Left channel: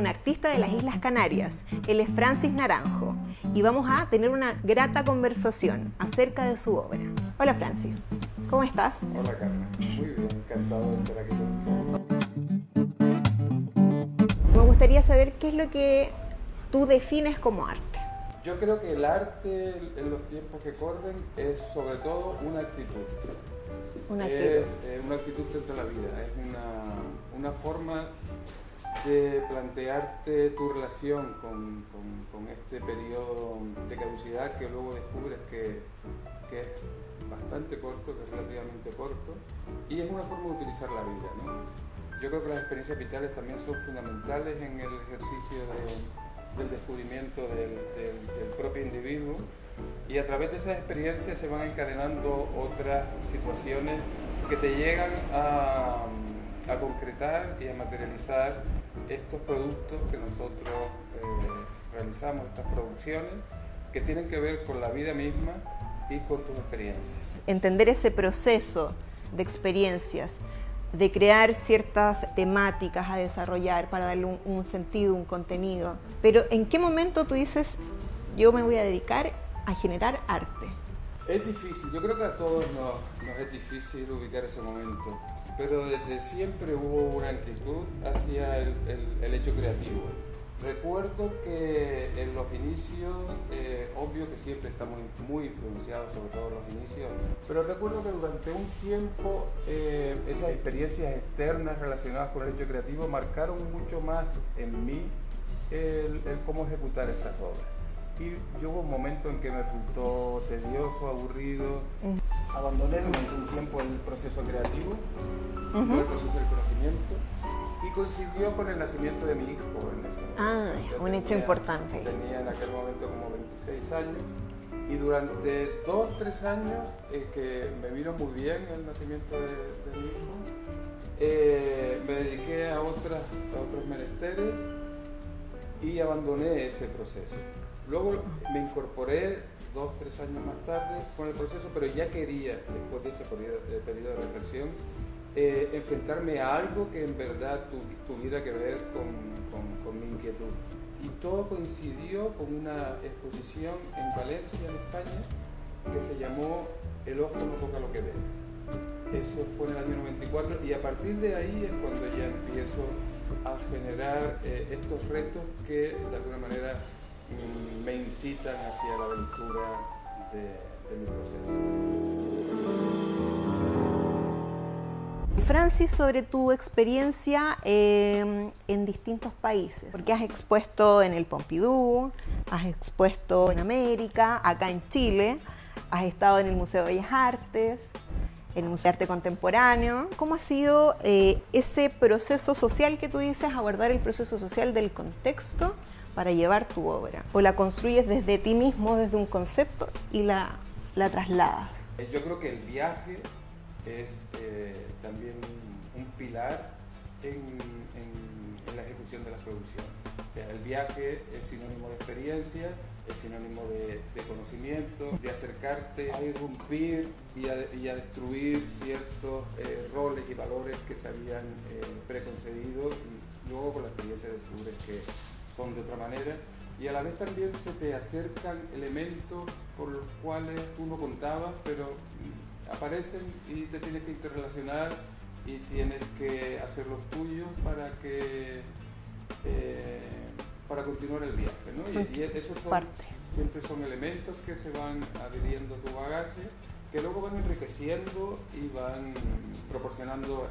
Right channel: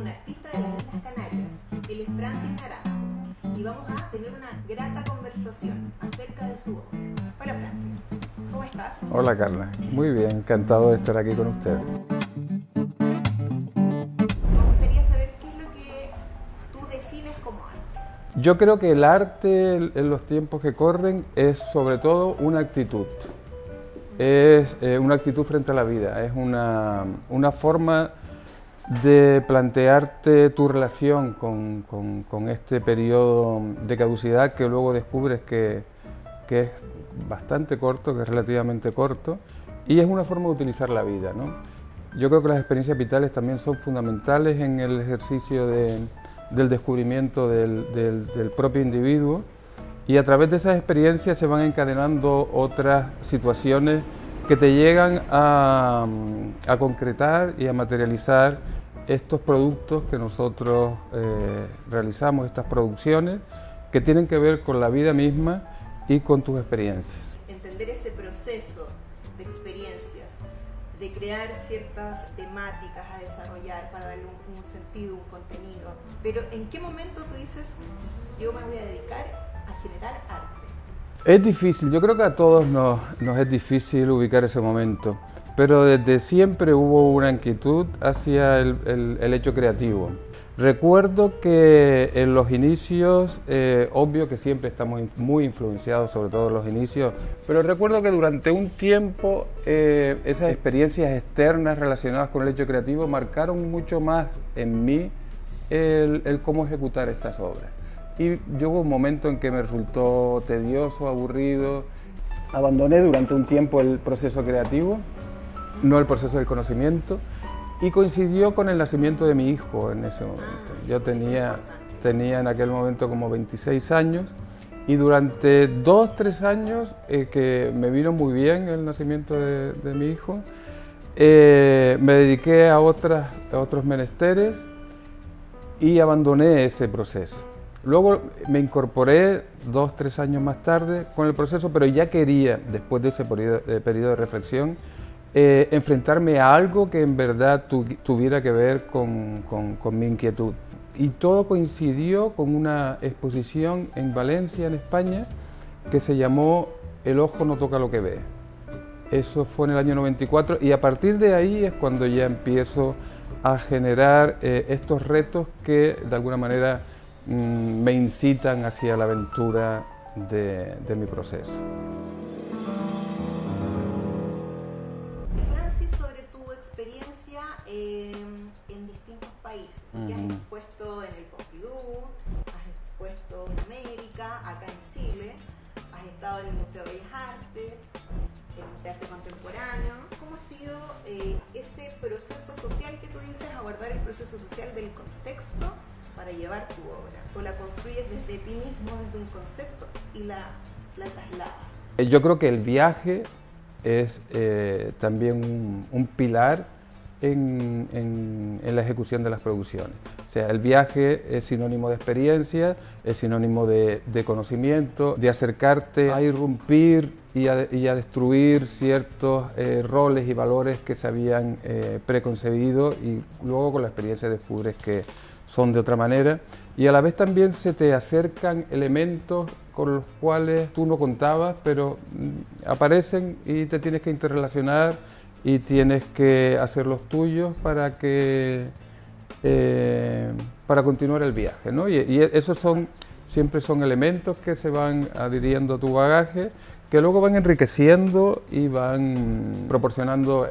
un artista de las Islas Canarias. Él es Francis Naranjo y vamos a tener una grata conversación acerca de su obra. Hola Francis, ¿cómo estás? Hola Carla, muy bien, encantado de estar aquí con ustedes. Me gustaría saber qué es lo que tú defines como arte. Yo creo que el arte en los tiempos que corren es sobre todo una actitud. Es una actitud frente a la vida, es una forma de plantearte tu relación con este periodo de caducidad que luego descubres que es bastante corto, que es relativamente corto, y es una forma de utilizar la vida, ¿no? Yo creo que las experiencias vitales también son fundamentales en el ejercicio del descubrimiento del propio individuo, y a través de esas experiencias se van encadenando otras situaciones que te llegan a concretar y a materializar estos productos que nosotros realizamos, estas producciones que tienen que ver con la vida misma y con tus experiencias. Entender ese proceso de experiencias, de crear ciertas temáticas a desarrollar para darle un sentido, un contenido. Pero ¿en qué momento tú dices, yo me voy a dedicar a generar arte? Es difícil, yo creo que a todos nos es difícil ubicar ese momento, pero desde siempre hubo una inquietud hacia el hecho creativo. Recuerdo que en los inicios, obvio que siempre estamos muy influenciados, sobre todo en los inicios, pero recuerdo que durante un tiempo esas experiencias externas relacionadas con el hecho creativo marcaron mucho más en mí el cómo ejecutar estas obras. Y hubo un momento en que me resultó tedioso, aburrido. Abandoné durante un tiempo el proceso creativo, no el proceso del conocimiento, y coincidió con el nacimiento de mi hijo en ese momento. Yo hecho importante. Tenía en aquel momento como 26 años, y durante 2-3 años que me vino muy bien el nacimiento de mi hijo, me dediqué a otros menesteres y abandoné ese proceso. Luego me incorporé 2-3 años más tarde con el proceso, pero ya quería, después de ese periodo de reflexión, enfrentarme a algo que en verdad tuviera que ver con mi inquietud. Y todo coincidió con una exposición en Valencia, en España, que se llamó El ojo no toca lo que ve. Eso fue en el año 94, y a partir de ahí es cuando ya empiezo a generar estos retos que de alguna manera me incitan hacia la aventura de mi proceso. Francis, sobre tu experiencia en distintos países, porque has expuesto en el Pompidou, has expuesto en América, acá en Chile, has estado en el Museo de Bellas Artes, en el Museo de Arte Contemporáneo. ¿Cómo ha sido ese proceso social que tú dices, abordar el proceso social del contexto para llevar tu obra? ¿O la construyes desde ti mismo, desde un concepto, y la trasladas? Yo creo que el viaje es también un pilar en la ejecución de las producciones. O sea, el viaje es sinónimo de experiencia, es sinónimo de conocimiento, de acercarte a irrumpir y a destruir ciertos roles y valores que se habían preconcebido, y luego con la experiencia descubres que son de otra manera, y a la vez también se te acercan elementos con los cuales tú no contabas, pero aparecen y te tienes que interrelacionar y tienes que hacer los tuyos para continuar el viaje, ¿no? Y esos siempre son elementos que se van adhiriendo a tu bagaje, que luego van enriqueciendo y van proporcionando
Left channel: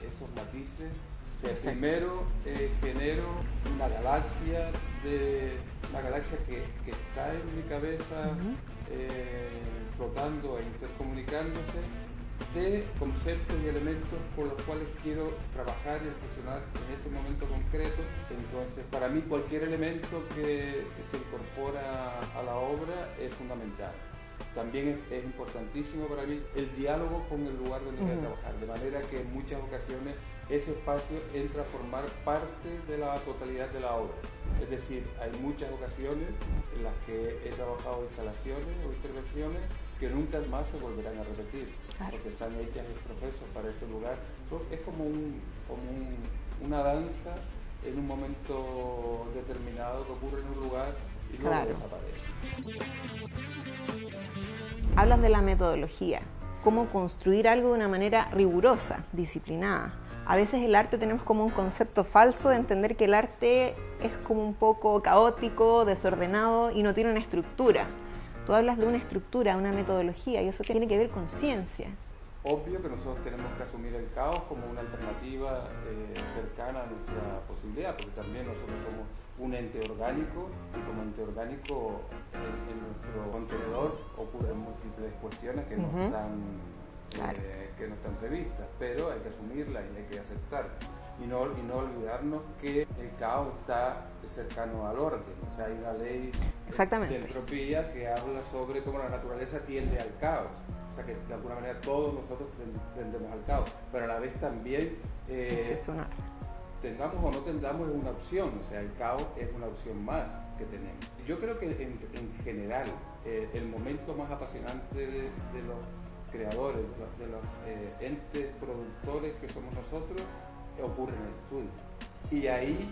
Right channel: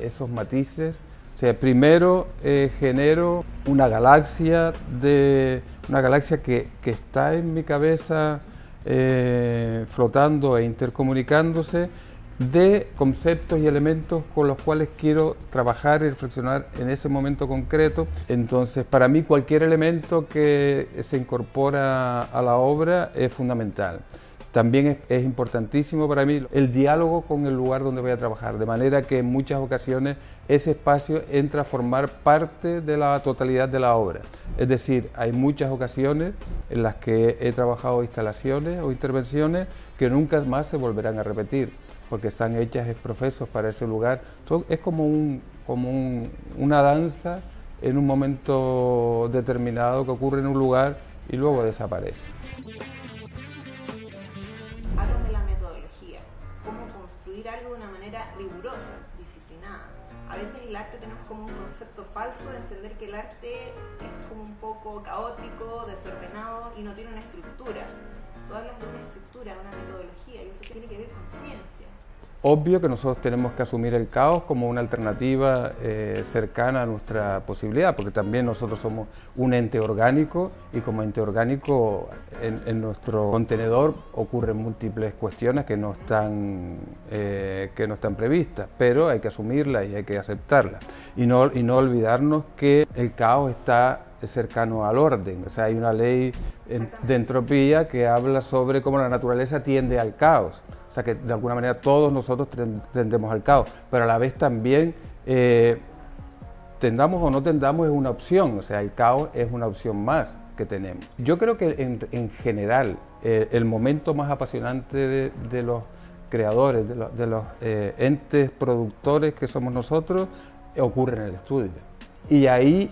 esos matices. O sea, primero genero una galaxia que está en mi cabeza, flotando e intercomunicándose, de conceptos y elementos con los cuales quiero trabajar y reflexionar en ese momento concreto. Entonces, para mí cualquier elemento que se incorpora a la obra es fundamental. También es importantísimo para mí el diálogo con el lugar donde voy a trabajar, de manera que en muchas ocasiones ese espacio entra a formar parte de la totalidad de la obra. Es decir, hay muchas ocasiones en las que he trabajado instalaciones o intervenciones que nunca más se volverán a repetir, porque están hechas ex profeso para ese lugar. Es como una danza en un momento determinado que ocurre en un lugar y luego Claro. desaparece. Hablas de la metodología, cómo construir algo de una manera rigurosa, disciplinada. A veces el arte tenemos como un concepto falso de entender que el arte es como un poco caótico, desordenado y no tiene una estructura. Tú hablas de una estructura, una metodología, y eso tiene que ver con ciencia. Obvio que nosotros tenemos que asumir el caos como una alternativa cercana a nuestra posibilidad, porque también nosotros somos un ente orgánico y como ente orgánico en nuestro contenedor ocurren múltiples cuestiones que no están previstas, pero hay que asumirlas y hay que aceptarlas. Y no olvidarnos que el caos está cercano al orden, o sea, hay una ley de entropía que habla sobre cómo la naturaleza tiende al caos. O sea que de alguna manera todos nosotros tendemos al caos, pero a la vez también tendamos o no tendamos es una opción, o sea, el caos es una opción más que tenemos. Yo creo que en general el momento más apasionante de los creadores, de los entes productores que somos nosotros, ocurre en el estudio. Y ahí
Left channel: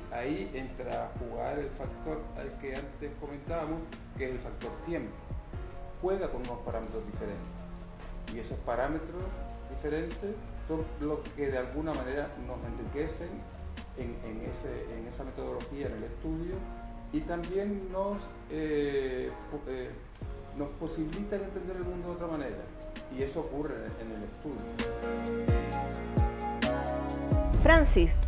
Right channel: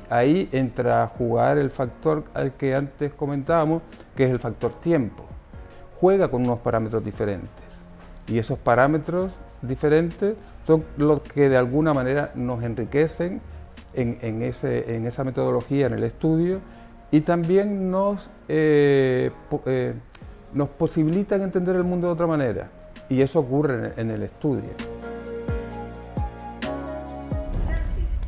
entra a jugar el factor al que antes comentábamos, que es el factor tiempo. Juega con unos parámetros diferentes. Y esos parámetros diferentes son los que de alguna manera nos enriquecen en esa metodología, en el estudio, y también nos posibilitan entender el mundo de otra manera. Y eso ocurre en el estudio. Francis,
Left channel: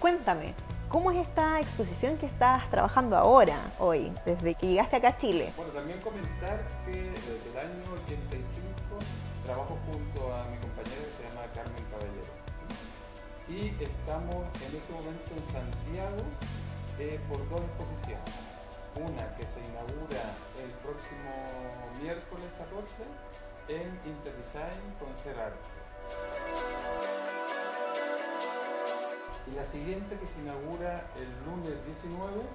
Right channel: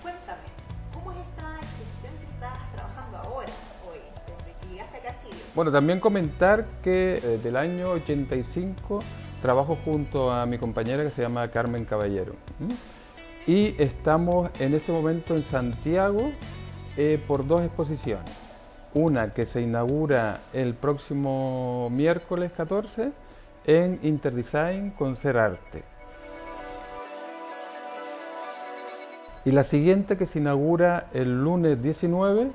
cuéntame, ¿cómo es esta exposición que estás trabajando ahora, hoy, desde que llegaste acá a Chile? Bueno, también comentar que desde el año 85 trabajo junto a mi compañera que se llama Carmen Caballero. Y estamos en este momento en Santiago por dos exposiciones. Una que se inaugura el próximo miércoles 14 en Interdesign con Ser Arte. Y la siguiente que se inaugura el lunes 19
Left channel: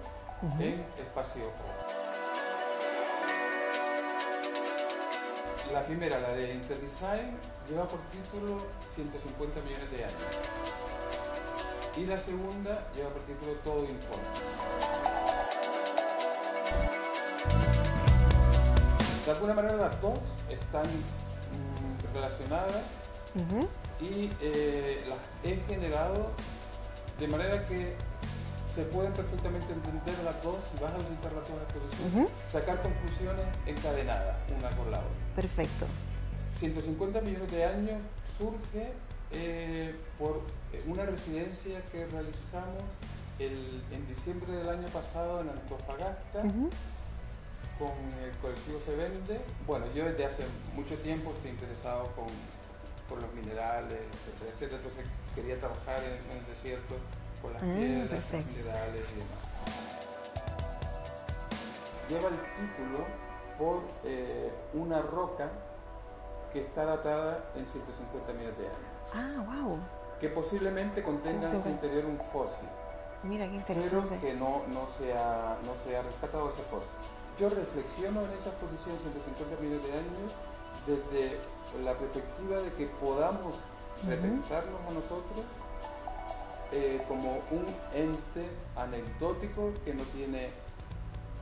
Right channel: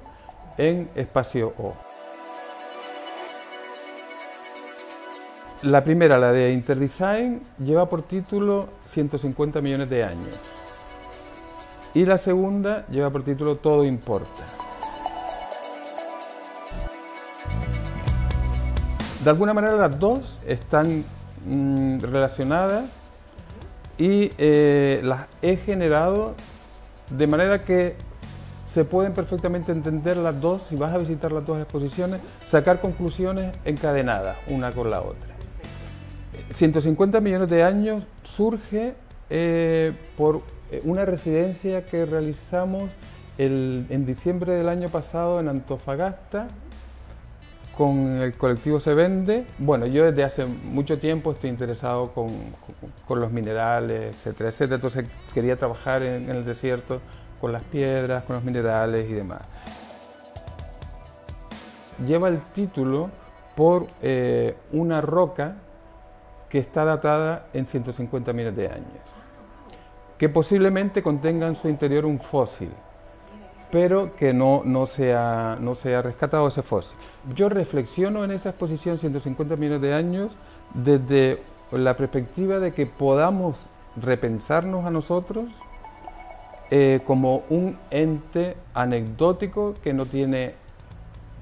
en Espacio O. La primera, la de Interdesign, lleva por título 150 millones de años. Y la segunda lleva por título Todo importa. De alguna manera las dos están relacionadas y las he generado de manera que se pueden perfectamente entender las dos, si vas a visitar las dos exposiciones, sacar conclusiones encadenadas una con la otra. Perfecto. 150 millones de años surge por una residencia que realizamos en diciembre del año pasado en Antofagasta con el colectivo Se Vende. Bueno, yo desde hace mucho tiempo estoy interesado con los minerales, etcétera, etcétera, entonces quería trabajar en el desierto con las piedras, con los minerales y demás. Lleva el título por una roca que está datada en 150 millones de años. Ah, wow. Que posiblemente contenga en su interior un fósil. Mira, qué interesante. Pero que no se ha rescatado ese fósil. Yo reflexiono en esa exposición 150 millones de años desde la perspectiva de que podamos repensarnos a nosotros como un ente anecdótico que no tiene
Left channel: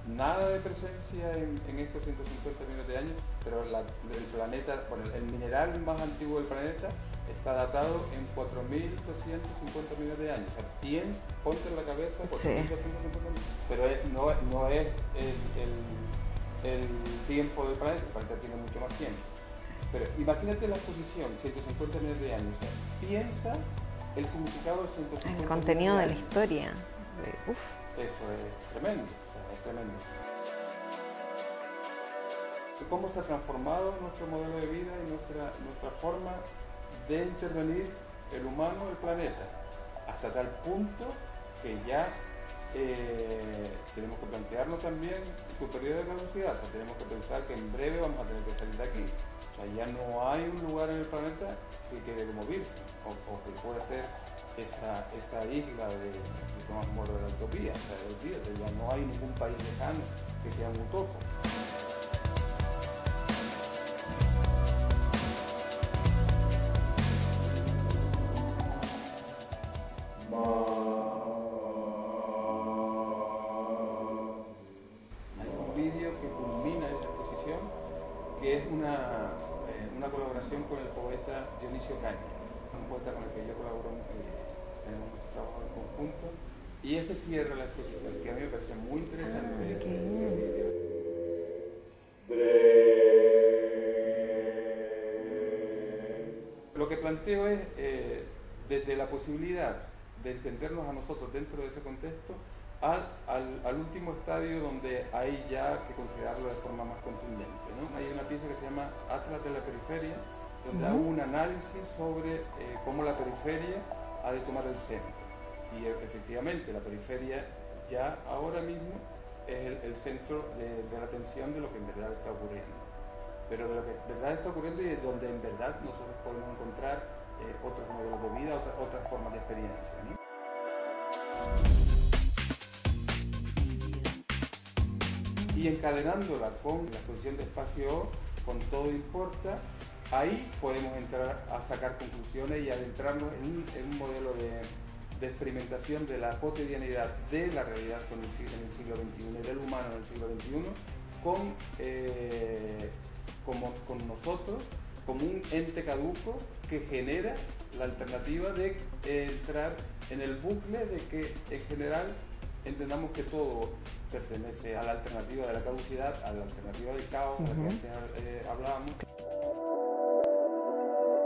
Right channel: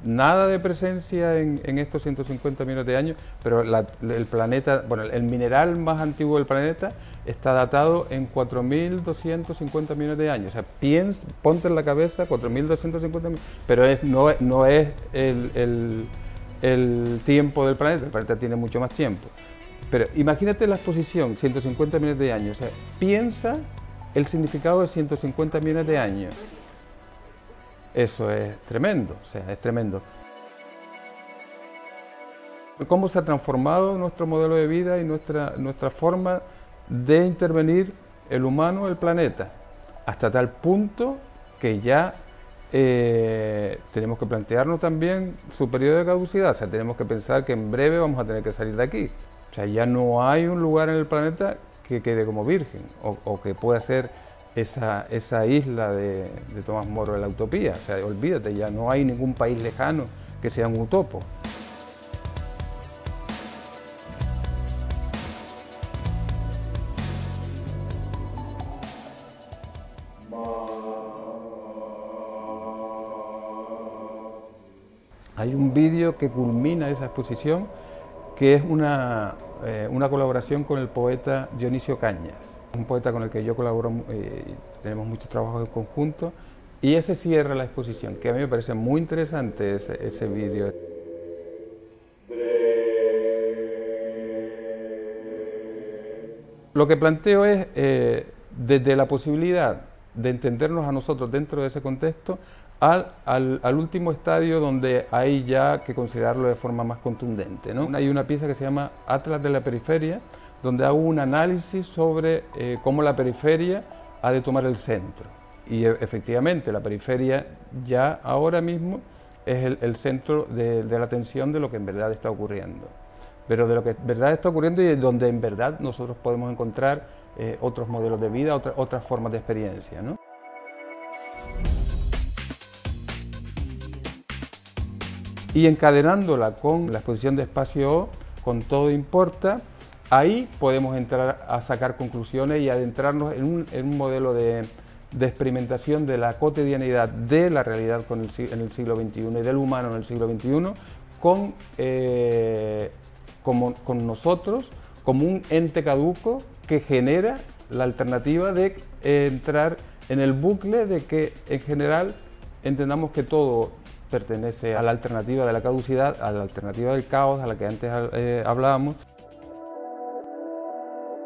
nada de presencia en estos 150 millones de años, pero el planeta, bueno, el mineral más antiguo del planeta está datado en 4.250 millones de años. O sea, ponte en la cabeza 4.250 millones, pero no es el tiempo del planeta. El planeta tiene mucho más tiempo. Pero imagínate la exposición, 150 millones de años. O sea, piensa el significado de 150 millones de años. Historia. Uf. Eso es tremendo, o sea, es tremendo. Cómo se ha transformado nuestro modelo de vida y nuestra forma de intervenir el humano, el planeta, hasta tal punto que ya tenemos que plantearnos también su periodo de caducidad, o sea, tenemos que pensar que en breve vamos a tener que salir de aquí. O sea, ya no hay un lugar en el planeta que quede como virgen o que pueda ser esa isla de Tomás Moro de la utopía. O sea, olvídate, ya no hay ningún país lejano que sea un utopo. Hay un vídeo que culmina esa exposición, que es una colaboración con el poeta Dionisio Cañas, un poeta con el que yo colaboro, tenemos muchos trabajos en conjunto, y ese cierra la exposición, que a mí me parece muy interesante ese vídeo. Lo que planteo es, desde la posibilidad de entendernos a nosotros dentro de ese contexto, al último estadio donde hay ya que considerarlo de forma más contundente, ¿no? Hay una pieza que se llama Atlas de la Periferia, donde hago un análisis sobre cómo la periferia ha de tomar el centro. Y efectivamente la periferia ya ahora mismo es el centro de la atención de lo que en verdad está ocurriendo. Pero de lo que en verdad está ocurriendo y donde en verdad nosotros podemos encontrar otros modelos de vida, otras formas de experiencia, ¿no? Y encadenándola con la exposición de Espacio O, con Todo Importa, ahí podemos entrar a sacar conclusiones y adentrarnos en un modelo de experimentación de la cotidianidad de la realidad en el siglo XXI y del humano en el siglo XXI con nosotros como un ente caduco que genera la alternativa de entrar en el bucle de que en general entendamos que todo pertenece a la alternativa de la caducidad, a la alternativa del caos, a la que antes hablábamos.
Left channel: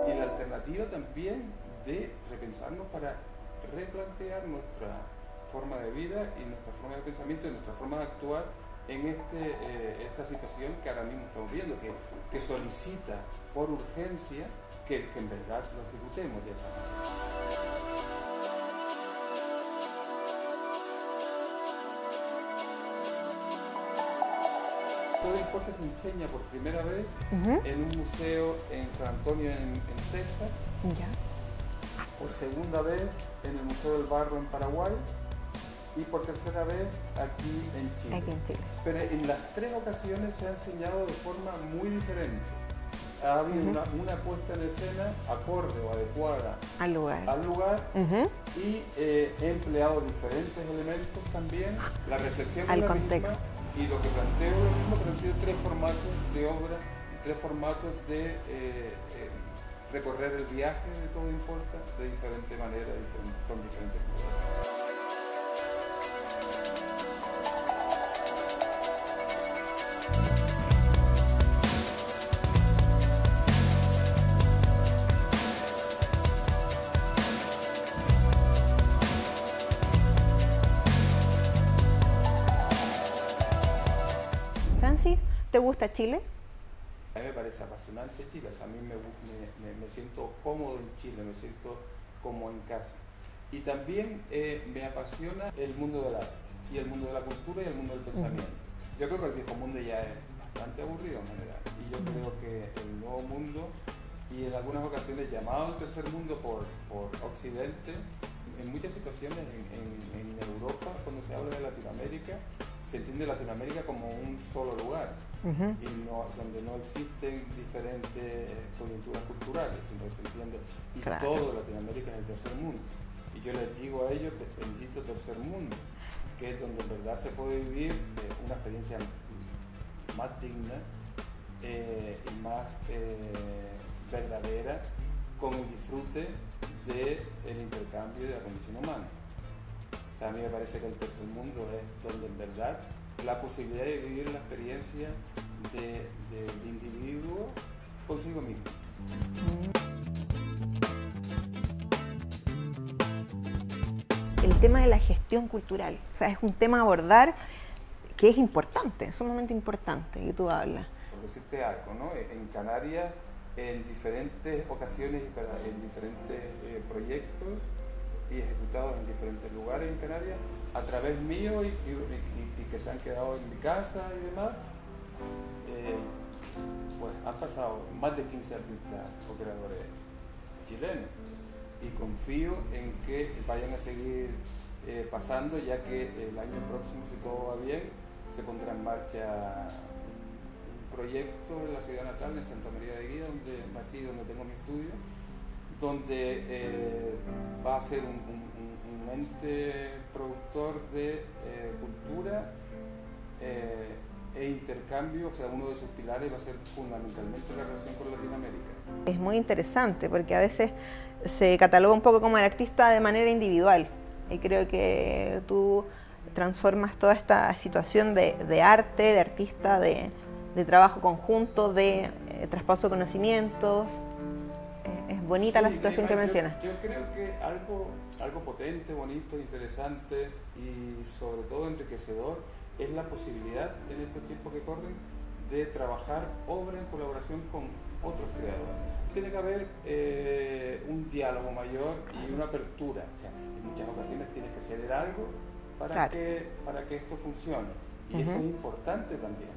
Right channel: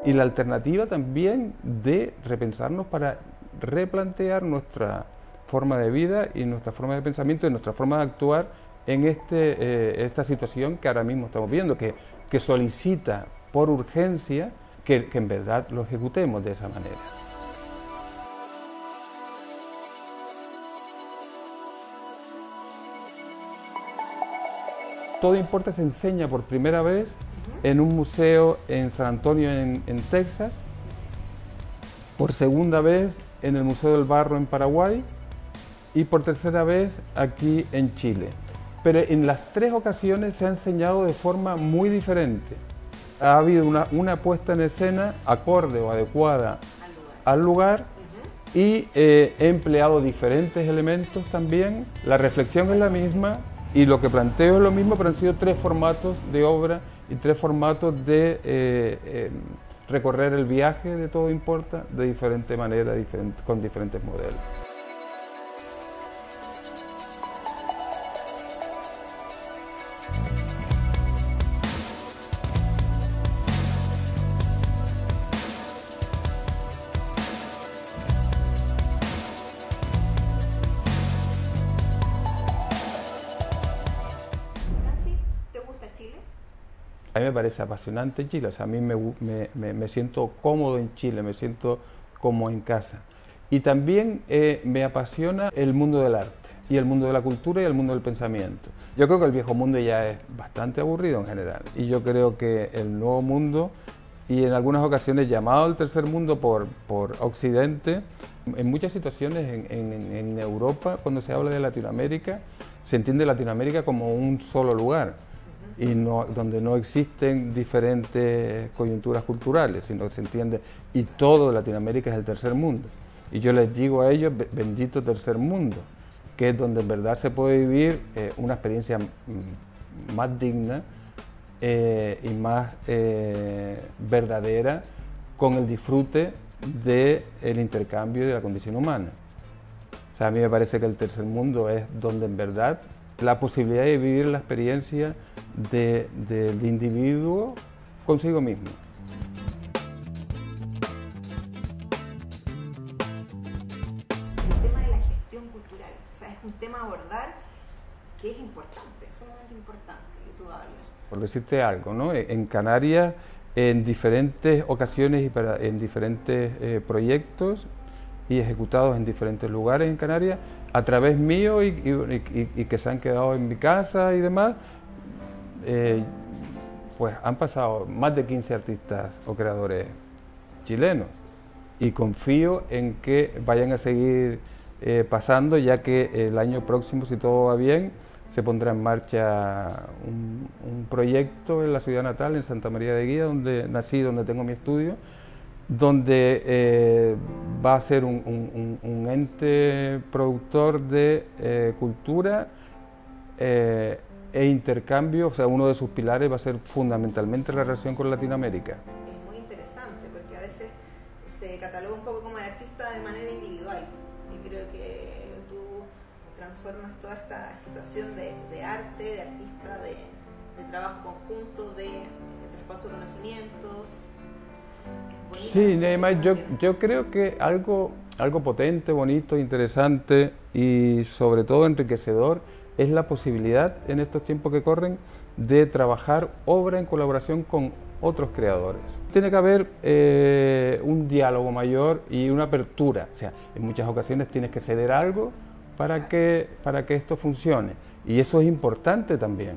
Y la alternativa también de repensarnos para replantear nuestra forma de vida y nuestra forma de pensamiento y nuestra forma de actuar en esta situación que ahora mismo estamos viendo, que solicita por urgencia que en verdad lo ejecutemos de esa manera. Todo Importa se enseña por primera vez en un museo en San Antonio, en Texas, por segunda vez en el Museo del Barro en Paraguay y por tercera vez aquí en Chile. Pero en las tres ocasiones se ha enseñado de forma muy diferente. Ha habido una puesta en escena acorde o adecuada al lugar y he empleado diferentes elementos también. La reflexión es la misma y lo que planteo es lo mismo, pero han sido tres formatos de obra y tres formatos de recorrer el viaje de Todo Importa de diferente manera, con diferentes modelos. ¿Te gusta Chile? A mí me parece apasionante Chile, o sea, a mí me siento cómodo en Chile, me siento como en casa. Y también me apasiona el mundo del arte, y el mundo de la cultura y el mundo del pensamiento. Yo creo que el viejo mundo ya es bastante aburrido en general, y yo creo que el nuevo mundo, y en algunas ocasiones llamado el tercer mundo por Occidente, en muchas situaciones en Europa, cuando se habla de Latinoamérica, se entiende Latinoamérica como un solo lugar. Y donde no existen diferentes coyunturas culturales, sino que se entiende, y todo Latinoamérica es el tercer mundo. Y yo les digo a ellos, bendito tercer mundo, que es donde en verdad se puede vivir una experiencia más digna y más verdadera con el disfrute del intercambio y de la condición humana. O sea, a mí me parece que el tercer mundo es donde en verdad la posibilidad de vivir la experiencia del individuo consigo mismo. El tema de la gestión cultural, o sea, es un tema a abordar que es importante, sumamente importante, y tú hablas. Por decirte algo, ¿no? En Canarias, en diferentes ocasiones y en diferentes proyectos y ejecutados en diferentes lugares en Canarias, a través mío y que se han quedado en mi casa y demás, pues han pasado más de 15 artistas o creadores chilenos y confío en que vayan a seguir pasando, ya que el año próximo, si todo va bien, se pondrá en marcha un proyecto en la ciudad natal, en Santa María de Guía, donde nací, donde tengo mi estudio, donde va a ser un ente productor de cultura e intercambio, o sea, uno de sus pilares va a ser fundamentalmente la relación con Latinoamérica. Es muy interesante porque a veces se cataloga un poco como el artista de manera individual y creo que tú transformas toda esta situación de arte, de artista, de trabajo conjunto, de traspaso de conocimientos. Es bonita la situación que mencionas. Yo creo que algo potente, bonito, interesante y sobre todo enriquecedor es la posibilidad en estos tiempos que corren de trabajar obra en colaboración con otros creadores. Tiene que haber un diálogo mayor y una apertura. O sea, en muchas ocasiones tienes que ceder algo para que esto funcione. Y eso es importante también.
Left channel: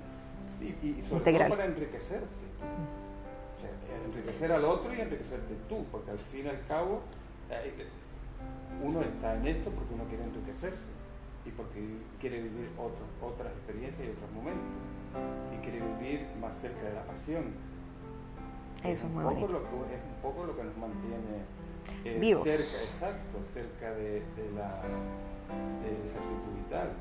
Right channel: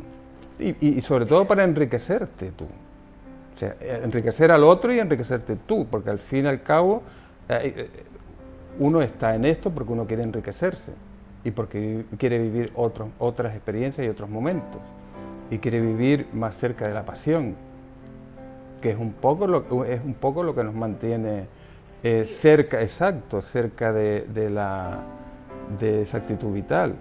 Y sobre todo para enriquecerte tú. O sea, enriquecer al otro y enriquecerte tú, porque al fin y al cabo uno está en esto porque uno quiere enriquecerse y porque quiere vivir otras experiencias y otros momentos y quiere vivir más cerca de la pasión, que es un poco lo que nos mantiene cerca, cerca de esa actitud vital.